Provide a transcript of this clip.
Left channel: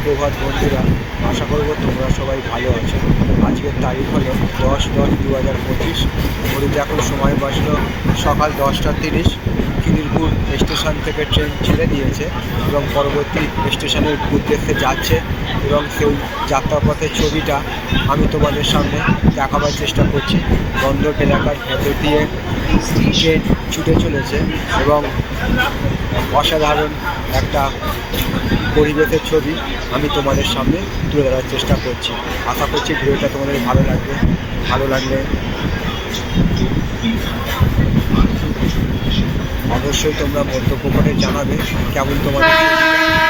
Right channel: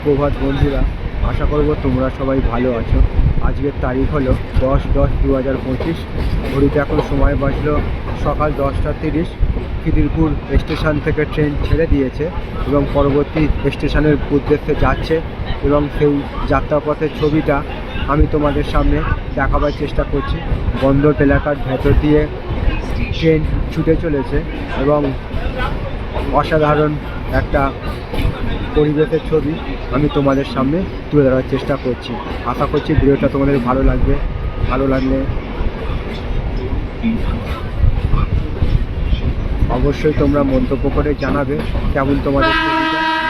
সুপ্রভাত বন্ধুরা, আশা করব তোমরা সবাই ভালো আছো। আজকের তারিখ হলো 10/10/2025। ঘড়িতে এখন সময় বাজলো সকাল 10টা 30। খিদিরপুর স্টেশন থেকে ট্রেন ছেড়ে দিয়েছে এবং পরবর্তী স্টেশনের উদ্দেশ্যে যাচ্ছে, এবং সেই যাত্রাপথের ছবিটা আমি তোমাদের সামনে দেখাবার চেষ্টা করছি। বন্দর এলাকার ভেতর দিয়ে ট্রেন ছুটে চলেছে এবং অসাধারণ একটা পরিবেশের ছবি আমি তোমাদের সামনে তুলে ধরার চেষ্টা করছি। আশা করছি ভিডিওটা তোমাদের ভালো লাগবে। ভালো লাগলে অবশ্যই তোমরা মন্তব্য করে জানাবে কেমন তোমাদের ছবিটা লাগছে।